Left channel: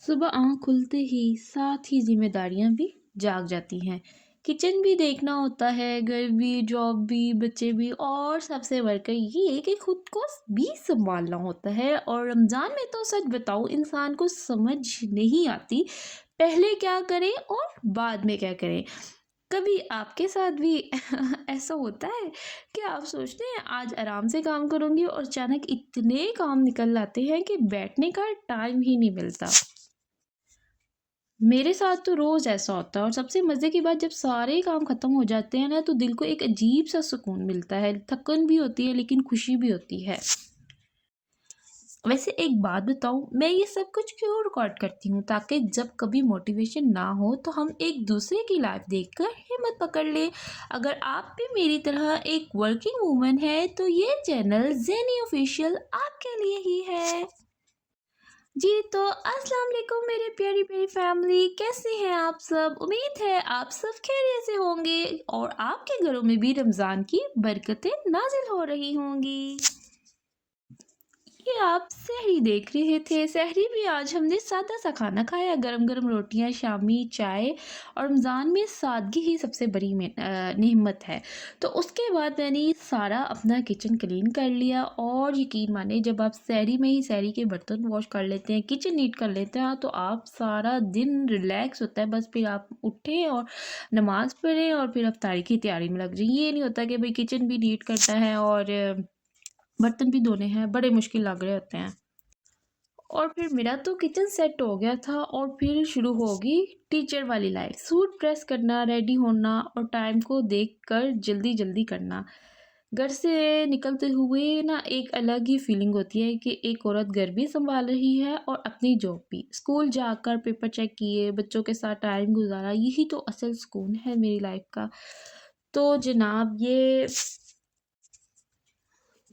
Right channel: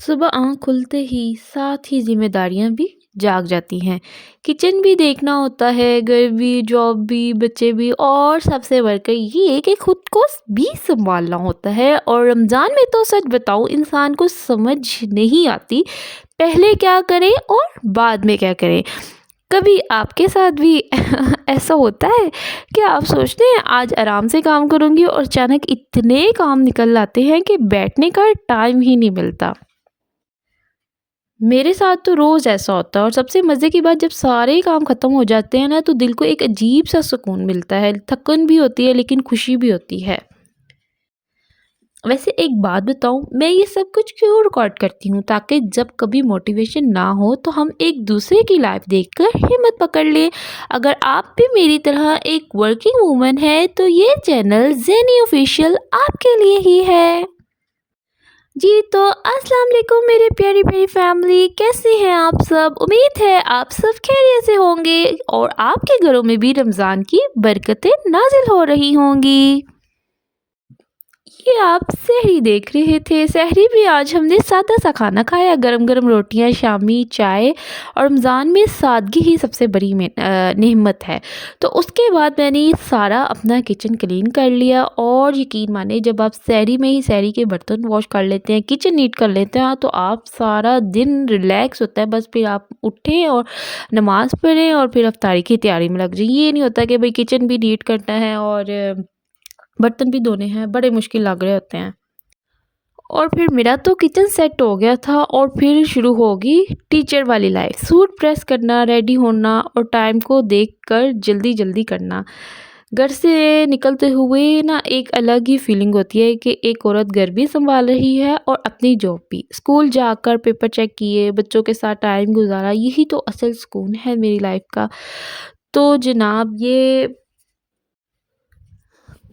सुबह आँख खुलते ही साथ ही ज़िम्मेदारियाँ भी जाग जाती हैं। किचन भी देखना होता है, घर भी, जॉब भी, बच्चे भी और सबसे बढ़कर ये कि खुद को भी सँभालना होता है। और रमज़ान में तो सच बताऊँ इंसान को समझ नहीं आती, पहले क्या करें और बाद में क्या करें? कभी आपके साथ भी ऐसा होता है कि आप सोचते हैं आज आराम से काम करूँगी और अचानक इतने काम निकल आते हैं कि बैठने का टाइम ही नहीं मिलता। मेरे साथ तो रोज़ ऐसा होता है और सबसे मज़े की बात जब सारे ही काम ख़त्म हो जाते हैं ना तो दिल को एक अजीब-सा सुकून मिलता है। थकन भी होती है लेकिन खुशी भी होती है। वैसे एक बात बताऊँ, मैं ये सब कुछ क्यों रिकॉर्ड करती हूँ ताकि जब कभी मोटिवेशन ना हो तो हम एक दूसरे की लाइफ देखकर हिम्मत पकड़ लें। अगर आप भी मेरी तरह एक वर्किंग वूमन है तो ये चैनल ज़ेनी ऑफिशियल आपके लिए ही है। जी, तो अस्सलाम वालेकुम मेरे प्यारी-प्यारी फैमिली, कैसे हैं आप सब? उम्मीद है आप सब खैरियत से होंगे और आपके घरों में भी रमज़ान की बरकतें नाज़िल हो रही होंगी। ये आप सहरी देख रहे थे, सहरी भी आज हमने सादा-सा खाना खाया, गरम-गरम रोटियाँ, शामी चाय और रमज़ान में सादगी ही सबसे बड़ी नेमत है। तो उसके बाद मैंने ये सारा अपना किचन क्लीन कर लिया और यकीन मानिए जब आप सहरी में ही सहरी के बर्तन वॉश कर लेते हैं, किचन नीट कर लेते हैं, तो आप सारा दिन रिलैक्स होता है। बस फिर आप उठें और नमाज़ पढ़ें और फिर इफ्तारी की तैयारी में लग जाइए। ये नहीं होता कि भई किचन भी नीट करना है और बर्तन भी धोने हैं, बड़े मुश्किल लग रहे होते हैं। और फिर मेरा तो किचन सेट हो गया था और फिर शुरू होगी टीचर वाली लाइफ। सूट प्रेस करना, रेडी होना और टाइम को देखकर जल्दी-जल्दी करना। घर से निकलते हुए ना एक अलग ही फीलिंग होती है कि एक औरत घर भी सँभाल रही है और अपनी जॉब भी। स्कूल जाकर पेपर चेक किए, बच्चों के साथ टाइम गुज़ारा, यही तो असल सुकून है मेरी लाइफ का। तो जनाब ये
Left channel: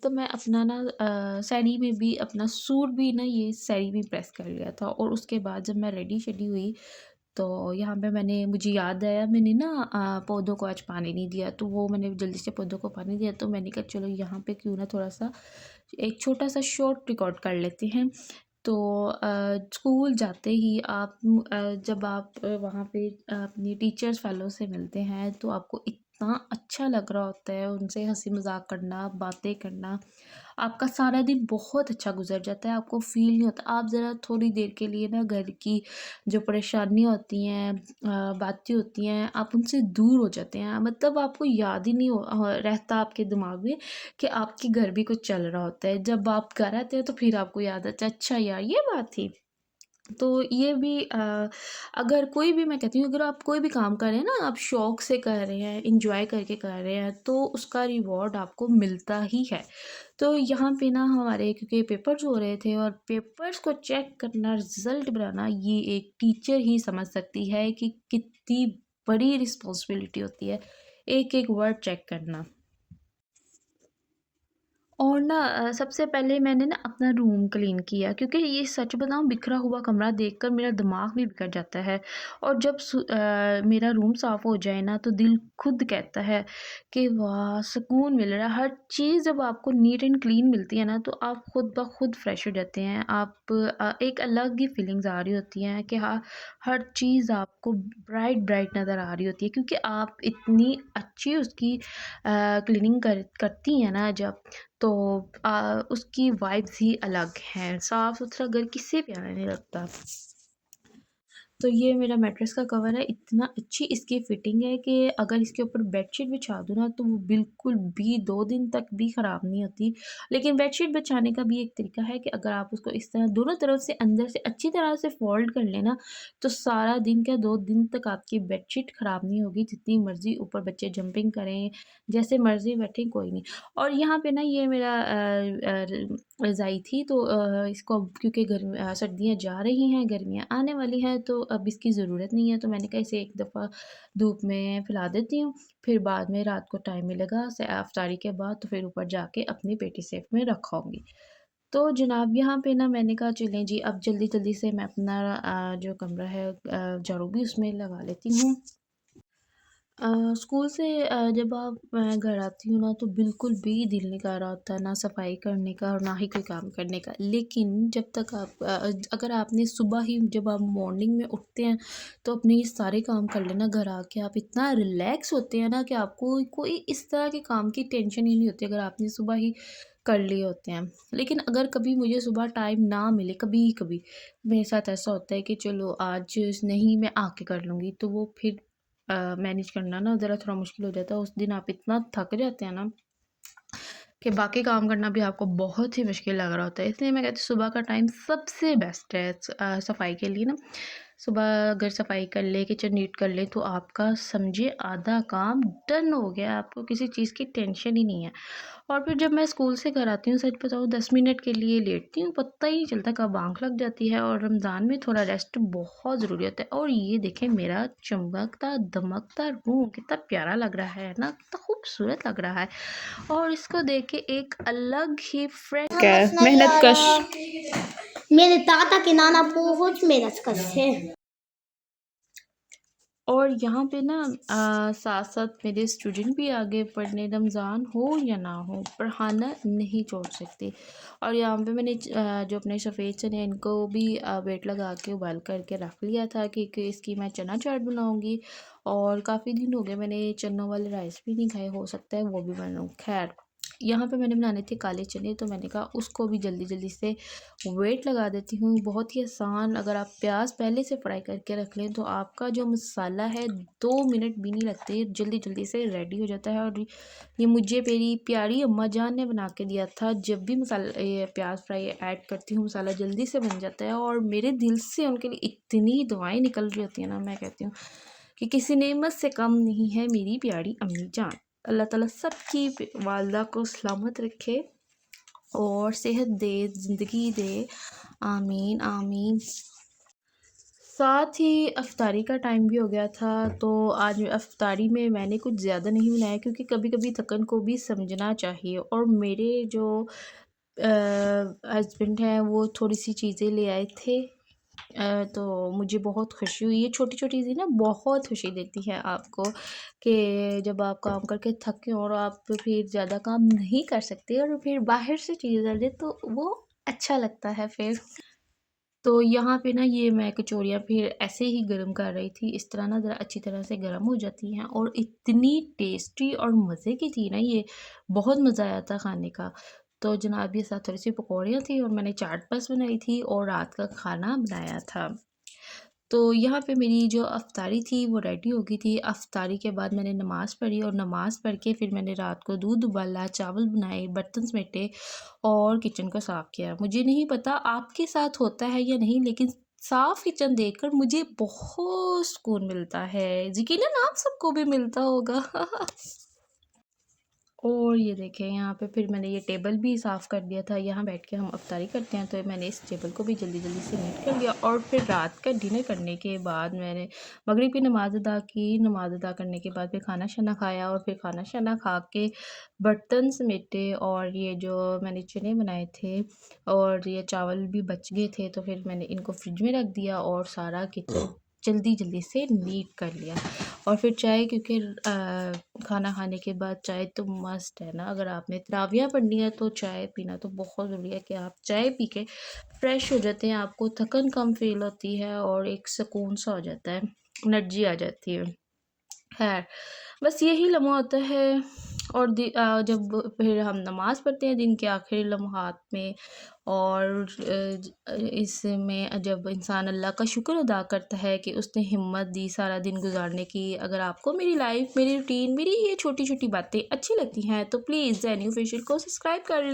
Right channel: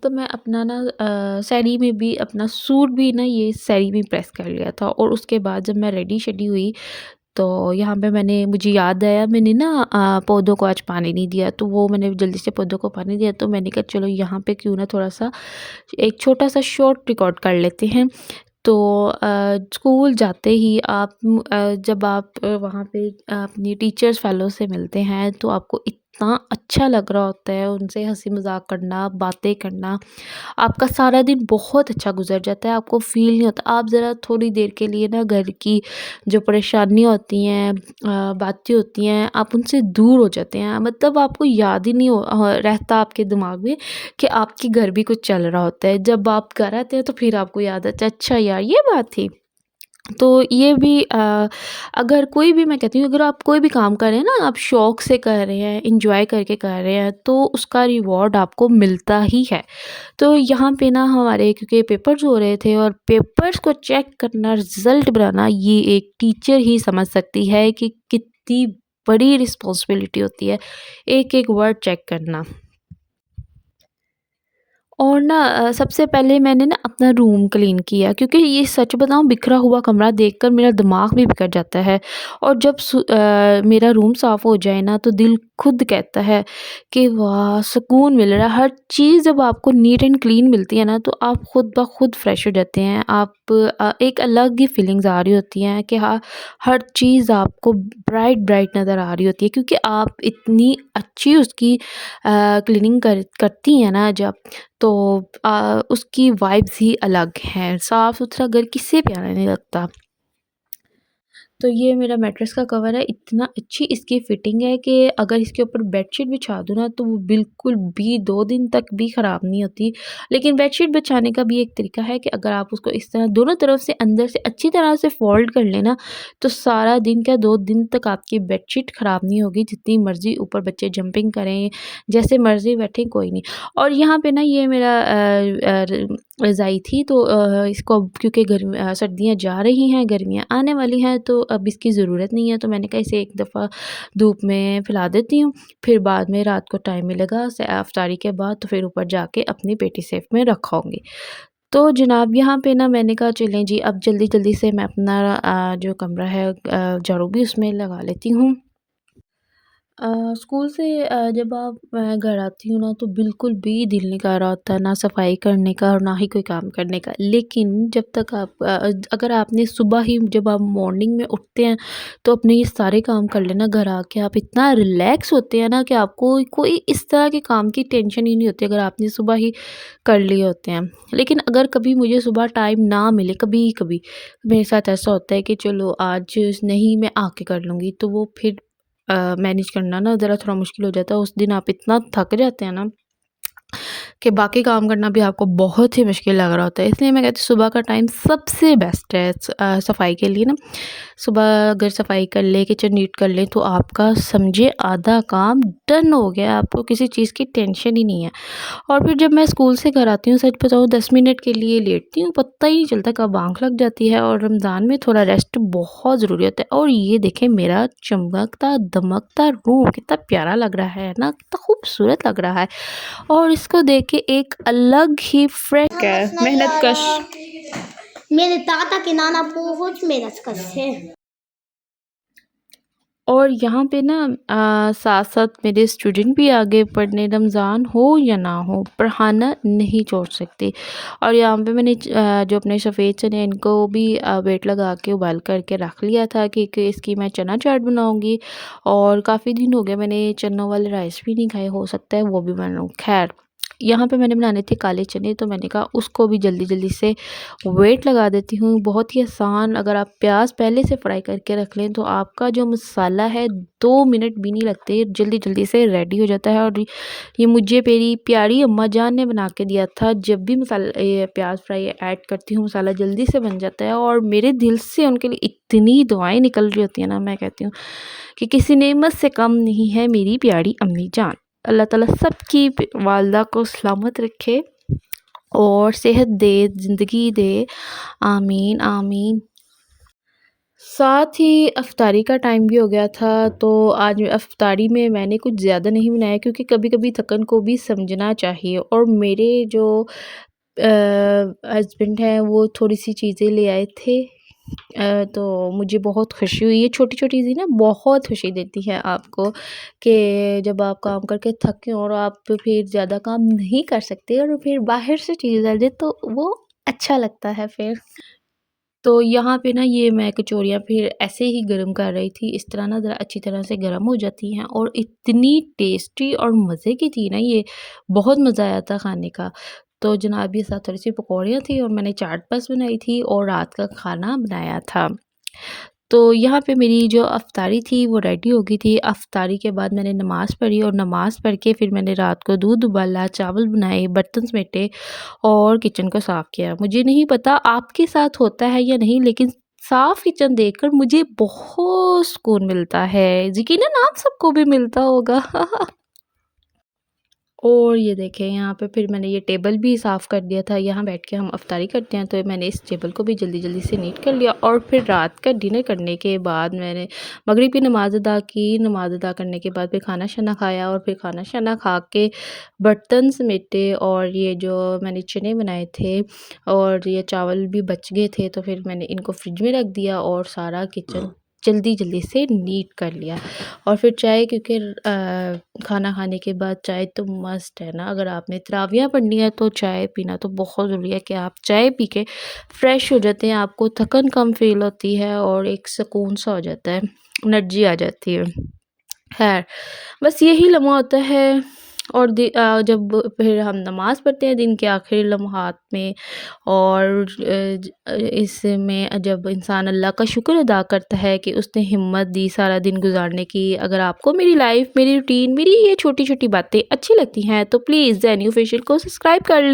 तो मैं अपना ना सैरी में भी अपना सूट भी ना ये सैरी में प्रेस कर लिया था और उसके बाद जब मैं रेडी-शेडी हुई तो यहाँ पे मुझे याद आया मैंने ना पौधों को आज पानी नहीं दिया, तो वो मैंने जल्दी से पौधों को पानी दिया, तो मैंने कहा चलो यहाँ पे क्यों ना थोड़ा-सा एक छोटा-सा शॉर्ट रिकॉर्ड कर लेते हैं। तो स्कूल जाते ही जब आप वहाँ पे अपनी टीचर्स फेलो से मिलते हैं तो आपको इतना अच्छा लग रहा होता है उनसे हँसी मज़ाक करना, बातें करना। आपका सारा दिन बहुत अच्छा गुज़र जाता है, आपको फ़ील नहीं होता। आप ज़रा थोड़ी देर के लिए ना घर की जो परेशानियाँ होती हैं बातें होती हैं, आप उनसे दूर हो जाते हैं। मतलब आपको याद ही नहीं रहता आपके दिमाग में कि आपके घर भी कुछ चल रहा होता है। जब आप घर आते हैं तो फिर आपको याद आता है अच्छा यार ये बात थी। तो ये भी अगर कोई भी मैं कहती हूँ अगर आप कोई भी काम कर रहे हैं ना, आप शौक से कर रहे हैं, एन्जॉय करके कर रहे हैं, तो उसका रिवॉर्ड आपको मिलता ही है। तो यहाँ पे ना हमारे क्योंकि पेपर्स हो रहे थे और पेपर्स को चेक करना, रिज़ल्ट बनाना, ये एक टीचर ही समझ सकती है कि कितनी बड़ी रिस्पॉन्सिबिलिटी होती है, एक-एक वर्ड चेक करना। और ना सबसे पहले मैंने ना अपना रूम क्लीन किया क्योंकि ये सच बताऊँ बिखरा हुआ कमरा देखकर मेरा दिमाग भी बिगड़ जाता है। और जब मेरा रूम साफ़ हो जाए ना तो दिल खुद कहता है कि वाह! सुकून मिल रहा है। हर चीज़ जब आपको नीट एंड क्लीन मिलती है ना तो आप खुद ब खुद फ्रेश हो जाते हैं। आप एक अलग ही फीलिंग्स आ रही होती हैं कि हाँ, हर चीज़ आपको ब्राइट नज़र आ रही होती है क्योंकि आप इतनी अच्छी उसकी क्लीनिंग करती हैं ना जब तो उसकी वाइब्स ही अलग हैं। साफ़-सुथरा घर किसे प्यारा नहीं लगता। तो ये मेरा मैट्रेस का कवर है, इतना अच्छी इसकी फिटिंग है कि अगर इसके ऊपर बेडशीट बिछा दूँ ना, तो वो बिल्कुल भी 2 दिन तक भी ख़राब नहीं होती। लेकिन बेडशीट बिछाने का भी एक तरीका है कि अगर आप उसको इस तरह दोनों तरफ से अंदर से अच्छी तरह से फ़ोल्ड कर लें ना, तो सारा दिन क्या 2 दिन तक आपकी बेडशीट ख़राब नहीं होगी, जितनी मर्ज़ी ऊपर बच्चे जंपिंग करें, जैसे मर्ज़ी बैठें, कोई नहीं। और यहाँ पे ना ये मेरा रज़ाई थी तो इसको अब क्योंकि सर्दियाँ जा रही हैं, गर्मियाँ आने वाली हैं तो अब इसकी ज़रूरत नहीं है, तो मैंने कहा इसे एक दफ़ा धूप में फैला देती हूँ, फिर बाद में रात को टाइम मिलेगा इफ्तारी के बाद तो फिर ऊपर जाके अपनी पेटी सेफ में रखाऊँगी। तो जनाब यहाँ पे ना मैंने कहा चलें जी अब जल्दी-जल्दी से मैं अपना जो कमरा है झाड़ू भी उसमें लगा लेती हूँ। स्कूल से जब मैं घर आती हूँ ना तो बिल्कुल भी दिल नहीं कर रहा होता है ना सफाई करने का और ना ही कोई काम करने का। लेकिन जब तक आप अगर आपने सुबह ही जब आप मॉर्निंग में उठते हैं तो अपने ये सारे काम कर लेना घर आके आप इतना रिलैक्स होते हैं ना कि आपको कोई इस तरह के काम की टेंशन ही नहीं होती अगर आपने सुबह ही कर लिए होते हैं। लेकिन अगर कभी मुझे सुबह टाइम ना मिले कभी-कभी मेरे साथ ऐसा होता है कि चलो आज नहीं मैं आके कर लूँगी तो वो फिर मैनेज करना ना ज़रा थोड़ा मुश्किल हो जाता है। उस दिन आप इतना थक जाते हैं ना कि बाकी काम करना भी आपको बहुत ही मुश्किल लग रहा होता है। इसलिए मैं कहती हूँ सुबह का टाइम सबसे बेस्ट है सफाई के लिए ना। सुबह अगर सफाई कर लें, किचन नीट कर लें तो आपका समझिए आधा काम डन हो गया, आपको किसी चीज़ की टेंशन ही नहीं है। और फिर जब मैं स्कूल से घर आती हूँ, सच बताऊँ 10 मिनट के लिए लेटती हूँ, पता ही नहीं चलता कब आँख लग जाती है। और रमज़ान में थोड़ा रेस्ट बहुत ज़रूरी होता है। और ये देखें मेरा चमकता दमकता रूम कितना प्यारा लग रहा है ना, कितना खूबसूरत लग रहा है। और इसको देख के एक अलग ही फ्रेश क्या समझ है नहीं आ मेहनत कश। रहा। मेरे दादा के नाना बहुत मेहनत करते हैं। और यहाँ पे ना साथ-साथ मेरे स्टूडेंट भी आगे पढ़ने, रमज़ान हो या ना हो, पढ़ाना नहीं छोड़ सकते। और यहाँ पे मैंने जो अपने सफ़ेद चने इनको भी वेट लगा के उबाल करके रख लिया था कि इसकी मैं चना चाट बनाऊँगी। और काफ़ी दिन हो गए मैंने चनों वाले राइस भी नहीं खाए, हो सकता है वो भी बनाऊँ। ख़ैर, यहाँ पे मैंने बनाने थे काले चने तो मैंने कहा उसको भी जल्दी-जल्दी से वेट लगा देती हूँ। बहुत ही आसान, अगर आप प्याज पहले से फ्राई करके रख लें तो आपका जो मसाला है 2 मिनट भी नहीं लगते, जल्दी-जल्दी से रेडी हो जाता है। और ये मुझे मेरी प्यारी अम्मा जान ने बना के दिया था। जब भी मसाला ये प्याज फ्राई ऐड करती हूँ मसाला जल्दी से बन जाता है। और मेरे दिल से उनके लिए इतनी दुआएँ निकल रही होती हैं ना, मैं कहती हूँ कि किसी नेमत से कम नहीं है मेरी प्यारी अम्मी जान। अल्लाह ताला सबकी वालदा को सलामत रखे और सेहत दे, ज़िंदगी दे। आमीन, आमीन। साथ ही इफ्तारी का टाइम भी हो गया था, तो आज इफ्तारी में मैंने कुछ ज़्यादा नहीं बनाया क्योंकि कभी-कभी थकन को भी समझना चाहिए। और मेरे जो हस्बैंड हैं वो थोड़ी-सी चीज़ें ले आए थे। तो मुझे बहुत खुशी हुई। ये छोटी-छोटी चीज़ें ना बहुत खुशी देती हैं आपको कि जब आप काम करके थके और आप फिर ज़्यादा काम नहीं कर सकते और फिर बाहर से चीज़ आ जाए तो वो अच्छा लगता है फिर। तो यहाँ पे ना ये मैं कचौरियाँ फिर ऐसे ही गरम कर रही थी, इस तरह ना ज़रा अच्छी तरह से गरम हो जाती हैं और इतनी टेस्टी और मज़े की थी ना ये, बहुत मज़ा आया था खाने का। तो जनाब ये साथ थोड़ी-सी पकौड़ियाँ थी और मैंने चाट बस बनाई थी और रात का खाना बनाया था। तो यहाँ पे मेरी जो अफ़्तारी थी वो रेडी हो गई थी। अफ़्तारी के बाद मैंने नमाज़ पढ़ी और नमाज़ पढ़ के फिर मैंने रात को दूध उबाला, चावल बनाए, बर्तन समेटे और किचन को साफ़ किया। मुझे नहीं पता आपके साथ होता है या नहीं, लेकिन साफ़ किचन देखकर मुझे बहुत सुकून मिलता है। यकीनन आप सबको भी मिलता होगा। और ये देखें यहाँ पे फिर मैंने ये टेबल भी साफ़ कर दिया था। यहाँ बैठ के हम अफ्तारी करते हैं तो मैंने इस टेबल को भी जल्दी-जल्दी से नीट कर लिया। और फिर रात का डिनर करने के बाद मैंने मगरिब की नमाज़ अदा की। नमाज़ अदा करने के बाद फिर खाना-शाना खाया और फिर खाना-शाना खा के बर्तन समेटे। और ये जो मैंने चने बनाए थे और ये चावल भी बच गए थे तो फिर मैंने इनको फ्रिज में रख दिया और सारा किचन जल्दी-जल्दी से नीट कर लिया। और फिर चाय, क्योंकि खाना खाने के बाद चाय तो मस्ट है ना, अगर आपने तरावियाँ पढ़नी है तो चाय पीना तो बहुत ज़रूरी है कि आप चाय पी के फ्रेश हो जाते हैं, आपको थकन कम फ़ील होती है और एक सुकून सा हो जाता है, एनर्जी आ जाती है। खैर, बस यही लम्हा होता है। और जब फिर हम नमाज़ पढ़ते हैं दिन के आखिरी लम्हात में। और इसमें जब इंसान अल्लाह का शुक्र अदा करता है कि उसने हिम्मत दी सारा दिन गुज़ारने की। अगर आपको मेरी लाइफ़, मेरी रूटीन, मेरी ये छोटी-छोटी बातें अच्छी लगती हैं तो प्लीज़ ज़ेन्यू फ़ेशियल को सब्सक्राइब कर लें।